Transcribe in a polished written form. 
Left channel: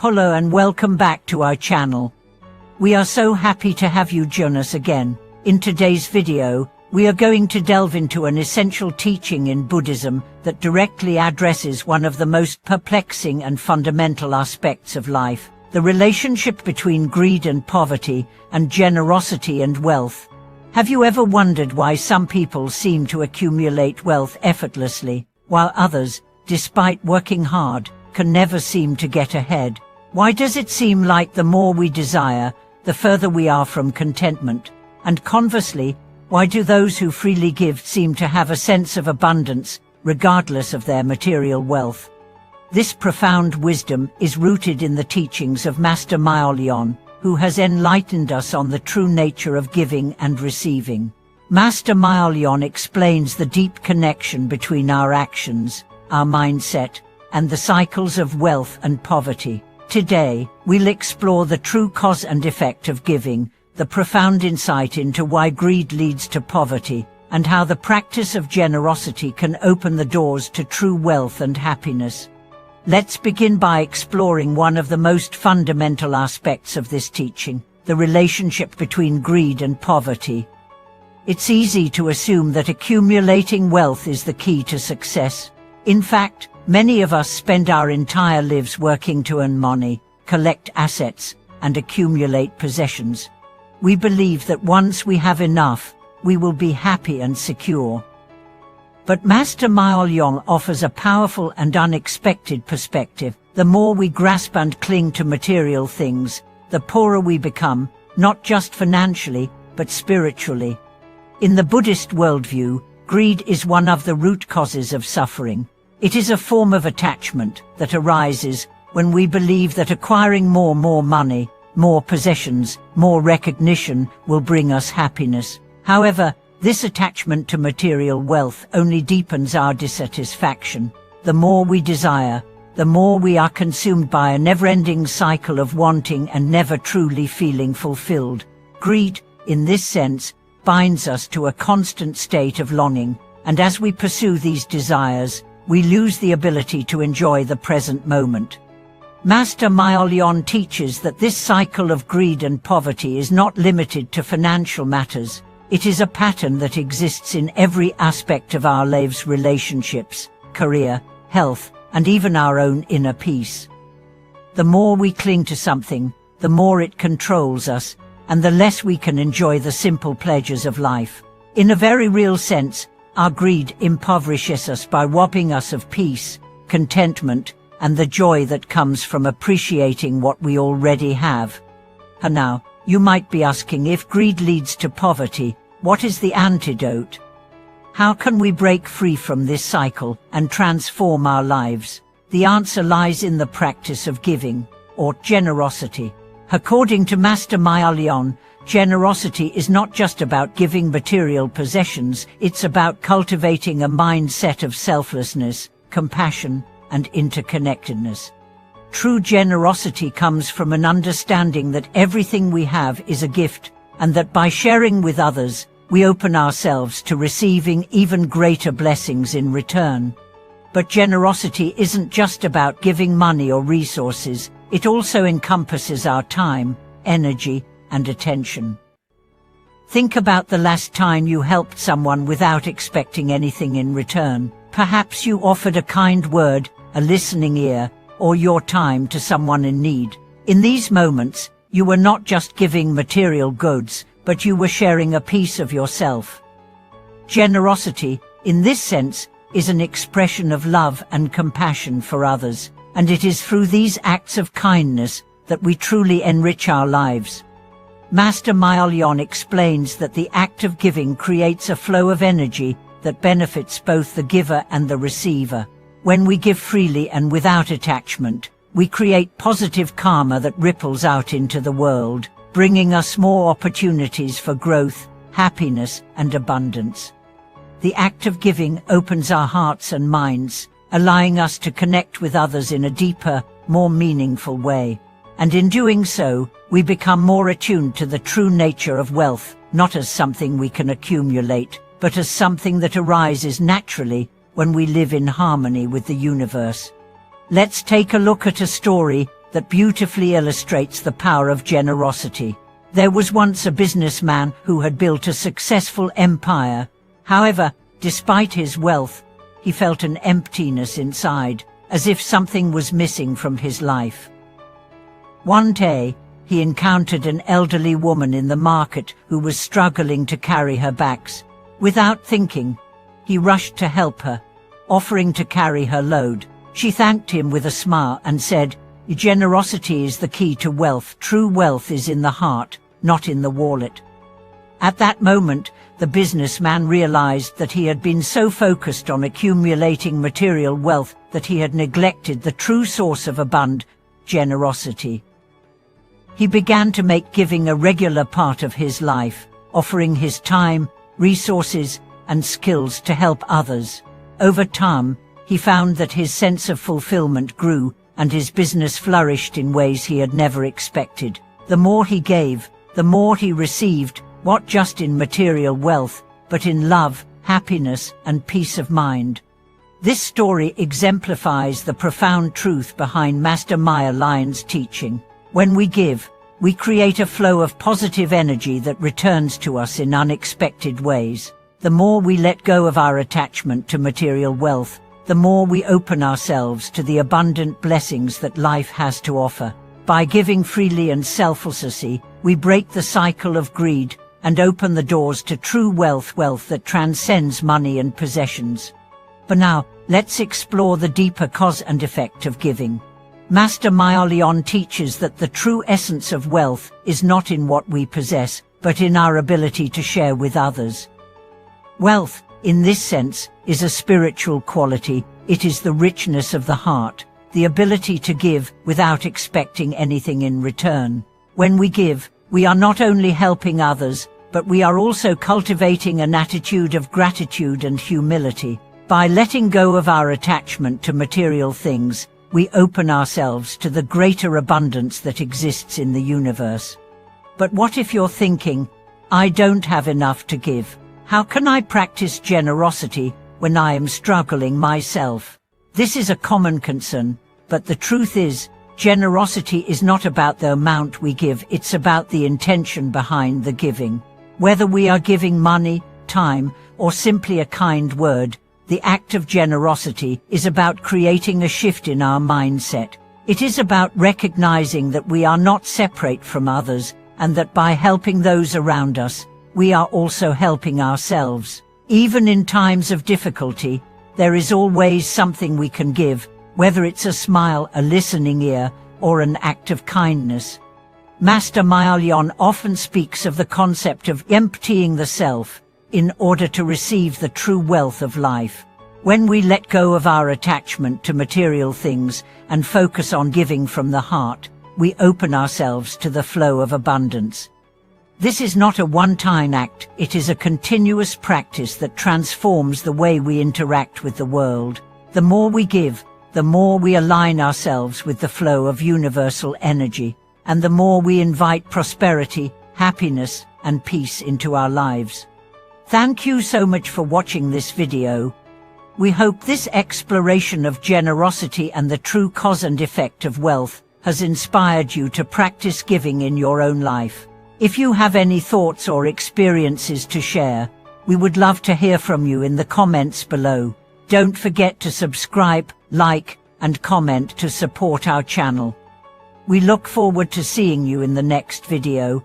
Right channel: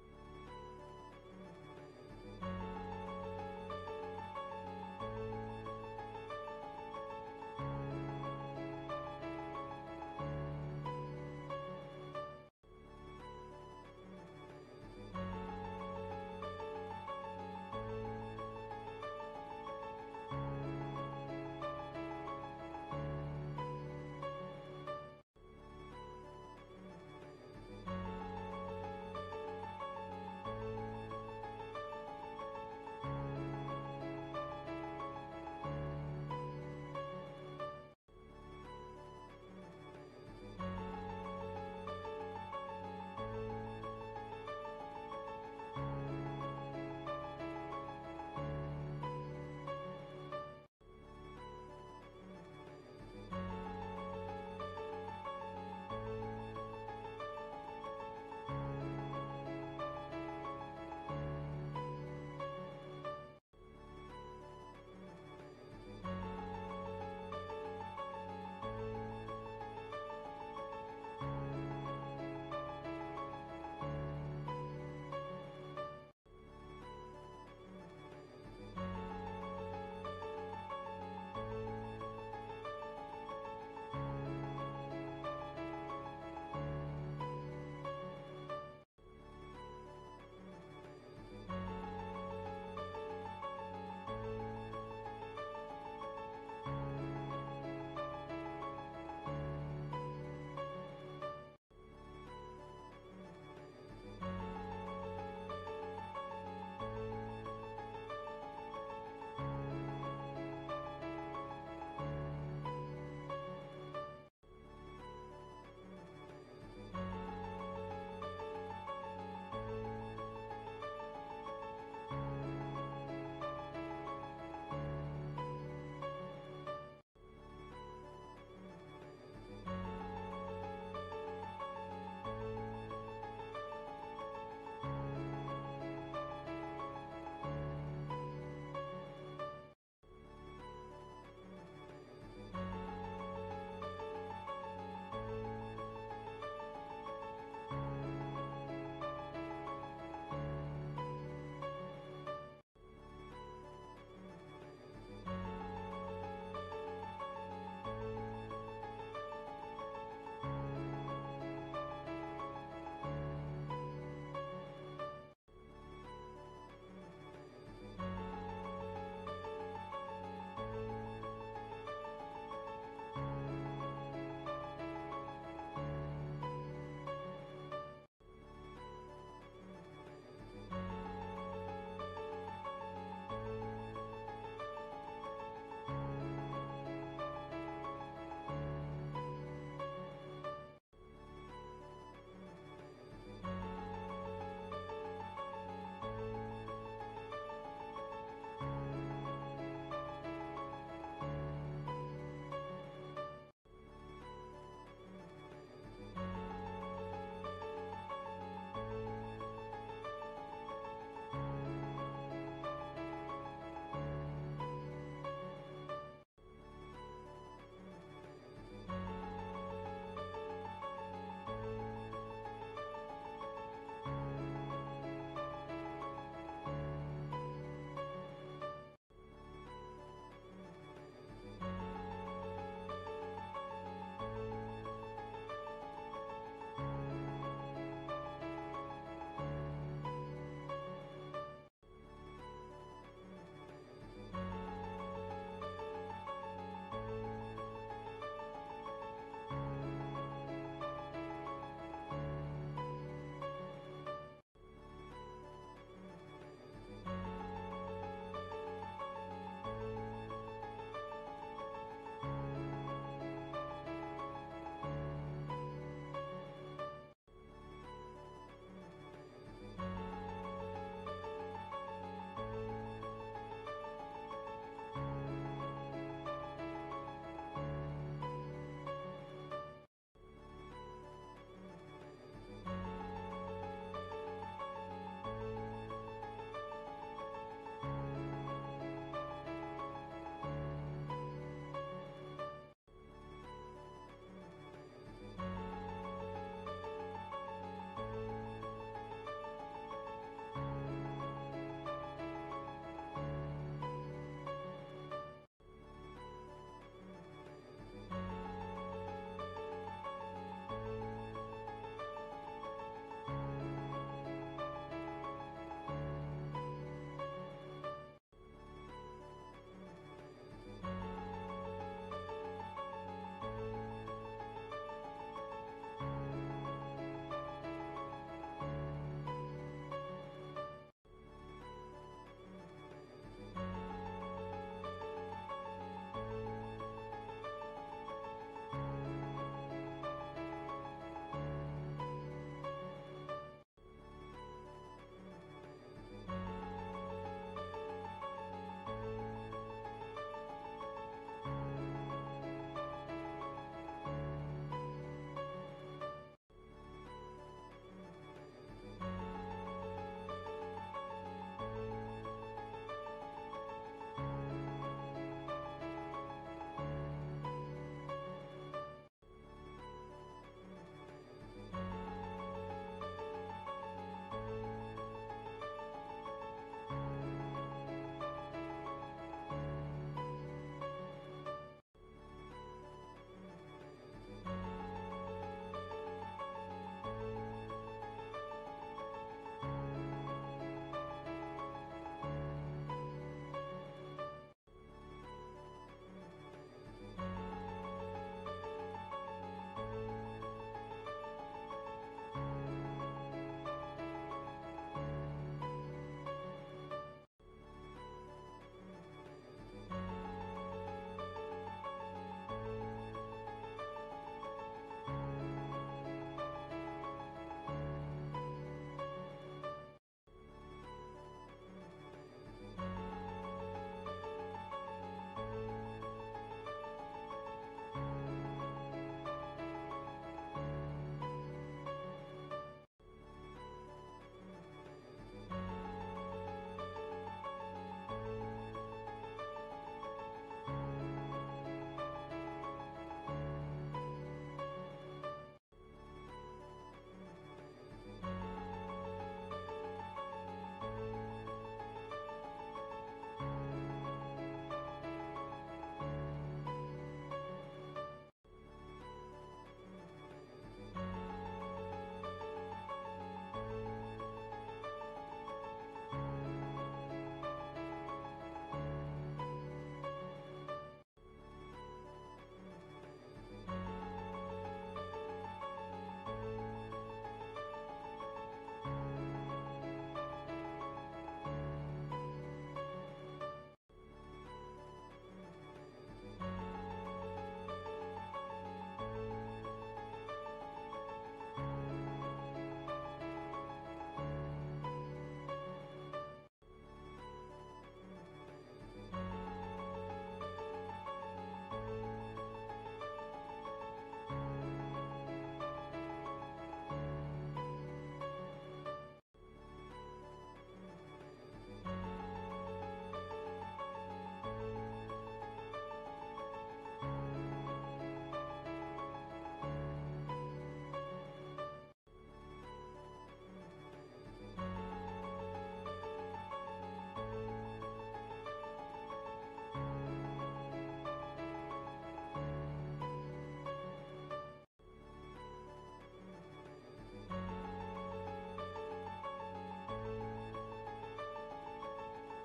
Hello and welcome back to our channel. We are so happy to have you join us again. In today's video, we are going to delve into an essential teaching in Buddhism that directly addresses one of the most perplexing and fundamental aspects of life, the relationship between greed and poverty, and generosity and wealth. Have you ever wondered why some people seem to accumulate wealth effortlessly, while others, despite working hard, can never seem to get ahead? Why does it seem like the more we desire, the further we are from contentment? And conversely, why do those who freely give seem to have a sense of abundance, regardless of their material wealth? This profound wisdom is rooted in the teachings of Master Miaolian, who has enlightened us on the true nature of giving and receiving. Master Miaolian explains the deep connection between our actions, our mindset, and the cycles of wealth and poverty. Today, we'll explore the true cause and effect of giving, the profound insight into why greed leads to poverty, and how the practice of generosity can open the doors to true wealth and happiness. Let's begin by exploring one of the most fundamental aspects of this teaching, the relationship between greed and poverty. It's easy to assume that accumulating wealth is the key to success. In fact, many of us spend our entire lives working to earn money, collect assets, and accumulate possessions. We believe that once we have enough, we will be happy and secure. But Master Miaolian offers a powerful and unexpected perspective. The more we grasp and cling to material things, the poorer we become, not just financially, but spiritually. In the Buddhist worldview, greed is one of the root causes of suffering. It is a form of attachment that arises when we believe that acquiring more money, more possessions, more recognition will bring us happiness. However, this attachment to material wealth only deepens our dissatisfaction. The more we desire, the more we are consumed by a never-ending cycle of wanting and never truly feeling fulfilled. Greed, in this sense, binds us to a constant state of longing, and as we pursue these desires, we lose the ability to enjoy the present moment. Master Miaolian teaches that this cycle of greed and poverty is not limited to financial matters. It is a pattern that exists in every aspect of our lives: relationships, career, health, and even our own inner peace. The more we cling to something, the more it controls us, and the less we can enjoy the simple pleasures of life. In a very real sense, our greed impoverishes us by robbing us of peace, contentment, and the joy that comes from appreciating what we already have. And now, you might be asking, if greed leads to poverty, what is the antidote? How can we break free from this cycle and transform our lives? The answer lies in the practice of giving, or generosity. According to Master Miaolian, generosity is not just about giving material possessions, it's about cultivating a mindset of selflessness, compassion, and interconnectedness. True generosity comes from an understanding that everything we have is a gift, and that by sharing with others, we open ourselves to receiving even greater blessings in return. But generosity isn't just about giving money or resources, it also encompasses our time, energy, and attention. Think about the last time you helped someone without expecting anything in return. Perhaps you offered a kind word, a listening ear, or your time to someone in need. In these moments, you were not just giving material goods, but you were sharing a piece of yourself. Generosity, in this sense, is an expression of love and compassion for others, and it is through these acts of kindness that we truly enrich our lives. Master Miaolian explains that the act of giving creates a flow of energy that benefits both the giver and the receiver. When we give freely and without attachment, we create positive karma that ripples out into the world, bringing us more opportunities for growth, happiness, and abundance. The act of giving opens our hearts and minds, allowing us to connect with others in a deeper, more meaningful way. And in doing so, we become more attuned to the true nature of wealth, not as something we can accumulate, but as something that arises naturally when we live in harmony with the universe. Let's take a look at a story that beautifully illustrates the power of generosity. There was once a businessman who had built a successful empire. However, despite his wealth, he felt an emptiness inside, as if something was missing from his life. One day, he encountered an elderly woman in the market who was struggling to carry her bags. Without thinking, he rushed to help her, offering to carry her load. She thanked him with a smile and said, "Generosity is the key to wealth. True wealth is in the heart, not in the wallet." At that moment, the businessman realized that he had been so focused on accumulating material wealth that he had neglected the true source of abundance, generosity. He began to make giving a regular part of his life, offering his time, resources, and skills to help others. Over time, he found that his sense of fulfillment grew, and his business flourished in ways he had never expected. The more he gave, the more he received, not just in material wealth, but in love, happiness, and peace of mind. This story exemplifies the profound truth behind Master Miaolian's teaching. When we give, we create a flow of positive energy that returns to us in unexpected ways. The more we let go of our attachment to material wealth, the more we open ourselves to the abundant blessings that life has to offer. By giving freely and selflessly, we break the cycle of greed and open the doors to true wealth that transcends money and possessions. But now, let's explore the deeper cause and effect of giving. Master Miaolian teaches that the true essence of wealth is not in what we possess, but in our ability to share with others. Wealth, in this sense, is a spiritual quality. It is the richness of the heart, the ability to give without expecting anything in return. When we give, we are not only helping others, but we are also cultivating an attitude of gratitude and humility. By letting go of our attachment to material things, we open ourselves to the greater abundance that exists in the universe. But what if you're thinking, "I don't have enough to give. How can I practice generosity when I am struggling myself?" This is a common concern, but the truth is, generosity is not about the amount we give, it's about the intention behind the giving. Whether we are giving money, time, or simply a kind word, the act of generosity is about creating a shift in our mindset. It is about recognizing that we are not separate from others, and that by helping those around us, we are also helping ourselves. Even in times of difficulty, there is always something we can give, whether it's a smile, a listening ear, or an act of kindness. Master Miaolian often speaks of the concept of emptying the self in order to receive the true wealth of life. When we let go of our attachment to material things and focus on giving from the heart, we open ourselves to the flow of abundance. This is not a one-time act, it is a continuous practice that transforms the way we interact with the world. The more we give, the more we align ourselves with the flow of universal energy, and the more we invite prosperity, happiness, and peace into our lives. Thank you so much for watching this video. We hope this exploration of generosity and the true cause and effect of wealth has inspired you to practice giving in your own life. If you have any thoughts or experiences to share, we would love to hear from you in the comments below. Don't forget to subscribe, like, and comment to support our channel. We look forward to seeing you in the next video.